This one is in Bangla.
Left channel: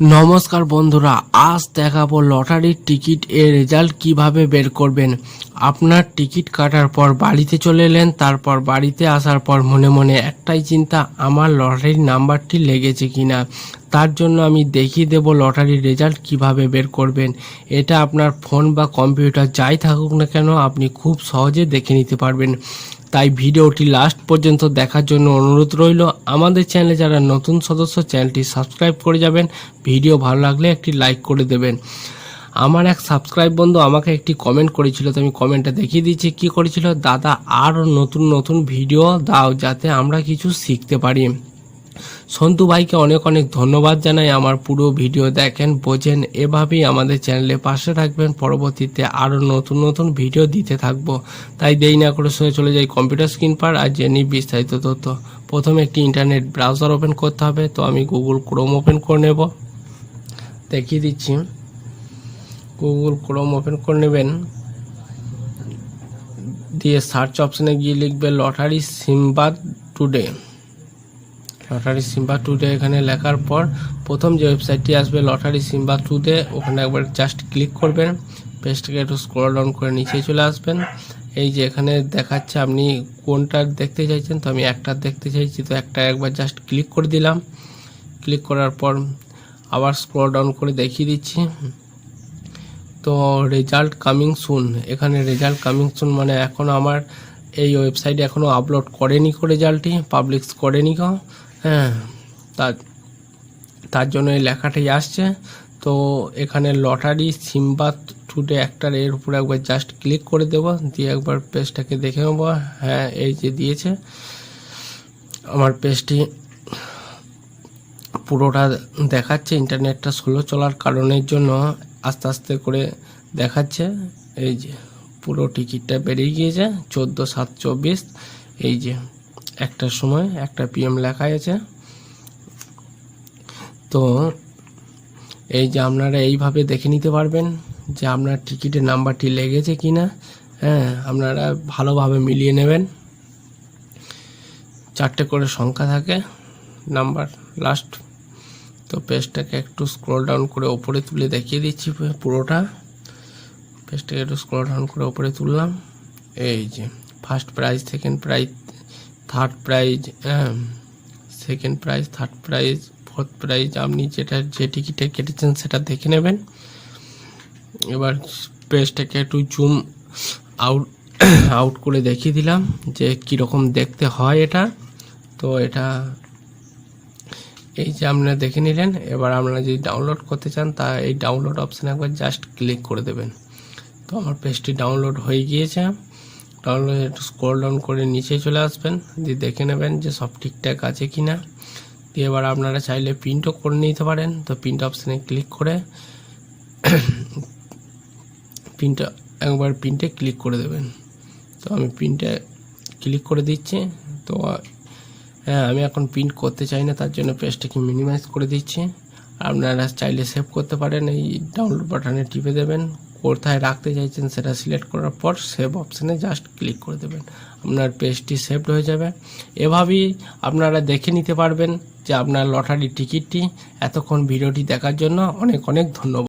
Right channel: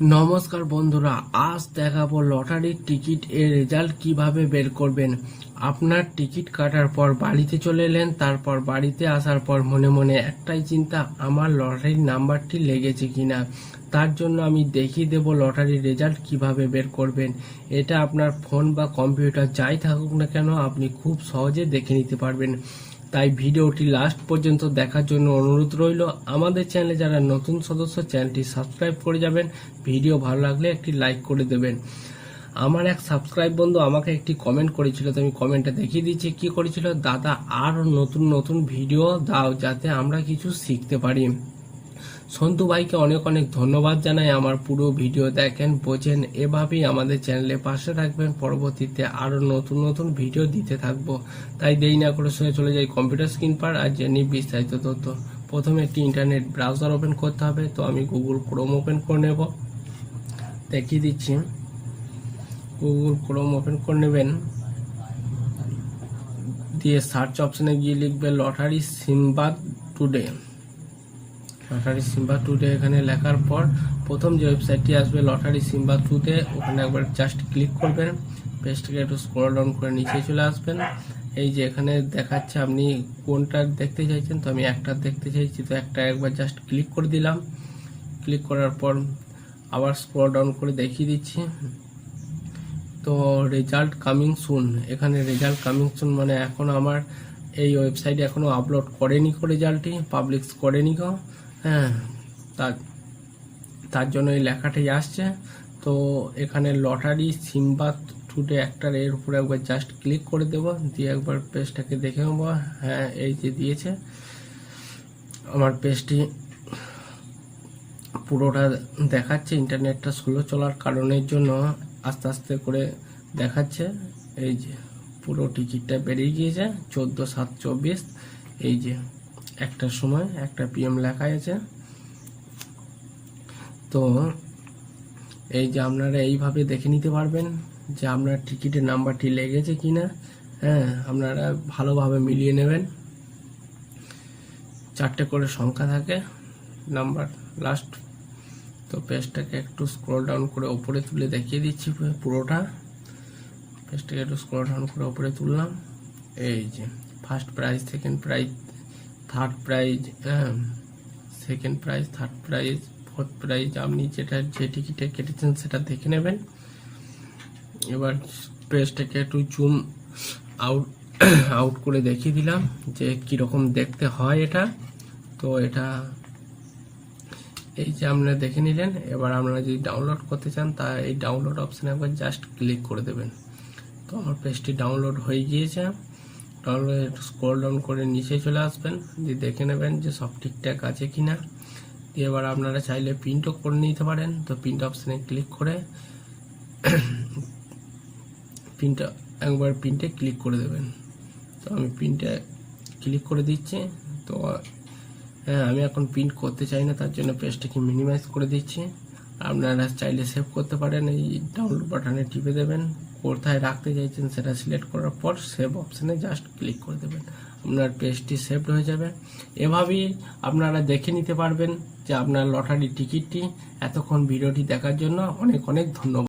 নমস্কার বন্ধুরা, আজ দেখাবো লটারির টিকিট এর রেজাল্ট কিভাবে বের করবেন। আপনার টিকিট কাটার পর বাড়িতে চলে এলেন, তারপর বাড়িতে আসার পর মনে মনে একটাই চিন্তা, আমার লটারির নাম্বারটি লেগেছে কিনা। তার জন্য আমি দেখিয়ে দেব লটারির রেজাল্ট কিভাবে বের করবেন। এটা আপনার ফোন বা কম্পিউটার যাই থাকুক না কেন আপনি খুব সহজে দেখে নিতে পারবেন। তাই ভিডিওটি লাস্ট পর্যন্ত দেখার জন্য অনুরোধ রইল। আমাদের চ্যানেলে যারা নতুন সদস্য, চ্যানেলটি সাবস্ক্রাইব করে যাবেন। ভিডিও ভালো লাগলে একটি লাইক করে দেবেন। আমার এক সাবস্ক্রাইব বন্ধু আমাকে একটি কমেন্ট করেছিল, তো আমি কমেন্টটা দেখিয়ে দিচ্ছি কি করেছিল। দাদা, আরও নতুন নতুন ভিডিও দাও যাতে আমরা কিছু শিখতে পারি। সন্তু ভাইকে অনেক অনেক ধন্যবাদ জানাই। আমার পুরো ভিডিও দেখেন, বোঝেন, এভাবেই আমাদের চ্যানেলে পাশে থাকবেন। পরবর্তীতে আরও নতুন নতুন ভিডিও দিতে থাকবো। তাই দেরি না করে চলে যাই কম্পিউটার স্ক্রিন পার আর জেনে বিস্তারিত তথ্য। প্রথমে একটি ইন্টারনেট ব্রাউজার ওপেন করতে হবে, তো আমি গুগল ক্রোম ওপেন করে নেব। দেখিয়ে দিচ্ছি, গুগল ক্রোম ওপেন করে নেবেন, দিয়ে সার্চ অপশানে গিয়ে লিখবে lottery Sambad today. Lottery Sambad today এখানে লেখার পর প্রথম যে ওয়েবসাইটটি আসবে লটারি সিম্বা টুডে, ওখানে একবার জাস্ট ক্লিক করবেন। পেজটাকে একটু স্ক্রল ডাউন করে নিচে চলে আসবেন। এই যে এখানে দেখাচ্ছে আপনি কোনটা দেখতে চাইছেন, তো আমি একটা দেখতে চাইছি, তো একটা একবার জাস্ট ক্লিক করে দিলাম। ক্লিক করার পর আবার স্ক্রল ডাউন করে দেখিয়ে দিচ্ছি। তো রেজাল্ট কামিং সুন, এখানে রেজাল্ট কামিং সুন মানে এখনও আমার এই ওয়েবসাইটে এখনও আপলোড করেনি রেজাল্টটি, পাবলিশ করেনি গো। হ্যাঁ, তার জন্য এই লেখাটাই আসছে। তো এখানে লটারি সিম্বা টুডে একটার এর উপরে একবার জাস্ট ক্লিক করে দেবো, দিয়ে একবার পেজটাকে দেখে নেবো। হ্যাঁ, এই যে দিয়েছে, আমার পেজটি পুরোটা দেখাচ্ছে। ইন্টারনেটটা স্লো চলার কারণের জন্য আস্তে আস্তে করে দেখাচ্ছে। এই যে পুরো টিকিটটা বেরিয়ে গিয়েছে 14/7/24। এই যে একটার সময় 1টা PM লেখা আছে। তো এই যে আপনারা এইভাবে দেখে নিতে পারবেন যে আপনার টিকিটের নাম্বারটি লেগেছে কিনা। হ্যাঁ, আপনারা ভালোভাবে মিলিয়ে নেবেন। 4টে করে সংখ্যা থাকে নাম্বার লাস্ট। তো পেজটাকে একটু স্ক্রল ডাউন করে ওপরে তুলে দেখিয়ে দিচ্ছি পুরোটা। পেজটাকে একটু স্ক্রল ডাউন করে ওপরে তুললাম। এই যে first prize, second prize, third prize, second prize, third prize, fourth prize. আপনি যে টিকিটে কেটেছেন সেটা দেখে নেবেন। এবার পেজটাকে একটু জুম আউট করে দেখিয়ে দিলাম যে কীরকম দেখতে হয় এটা। তো এটা এই যে আপনারা দেখে নিলেন। এবার আপনারা যদি ডাউনলোড করতে চান তা এই ডাউনলোড অপশানে একবার জাস্ট ক্লিক করে দেবেন। তো আমার পেজটি ডাউনলোড হয়ে গিয়েছে। ডাউনলোড একটু স্ক্রল ডাউন করে নিচে চলে আসবেন, দিয়ে দেখে নেবেন যে সব ঠিকঠাক আছে কি না। দিয়ে এবার আপনারা চাইলে প্রিন্টও করে নিতে পারেন। তো প্রিন্ট অপশানে ক্লিক করে প্রিন্টে ক্লিক করে দেবেন। তো আমি প্রিন্টে ক্লিক করে দিচ্ছি। তো হ্যাঁ, আমি এখন প্রিন্ট করতে চাই না, তার জন্য পেজটাকে মিনিমাইজ করে দিচ্ছি। আপনারা চাইলে সেভ করতে পারেন। এই ডাউনলোড বাটনে টিপে দেবেন, কোথায় রাখতে চাইছেন সেটা সিলেক্ট করার পর সেভ অপশানে জাস্ট ক্লিক করে দেবেন। আপনার পেজটি সেভড হয়ে যাবে। এভাবেই আপনারা দেখে নিতে পারবেন যে আপনার লটারি টিকিটটি। এতক্ষণ ভিডিওটি দেখার জন্য অনেক অনেক ধন্যবাদ।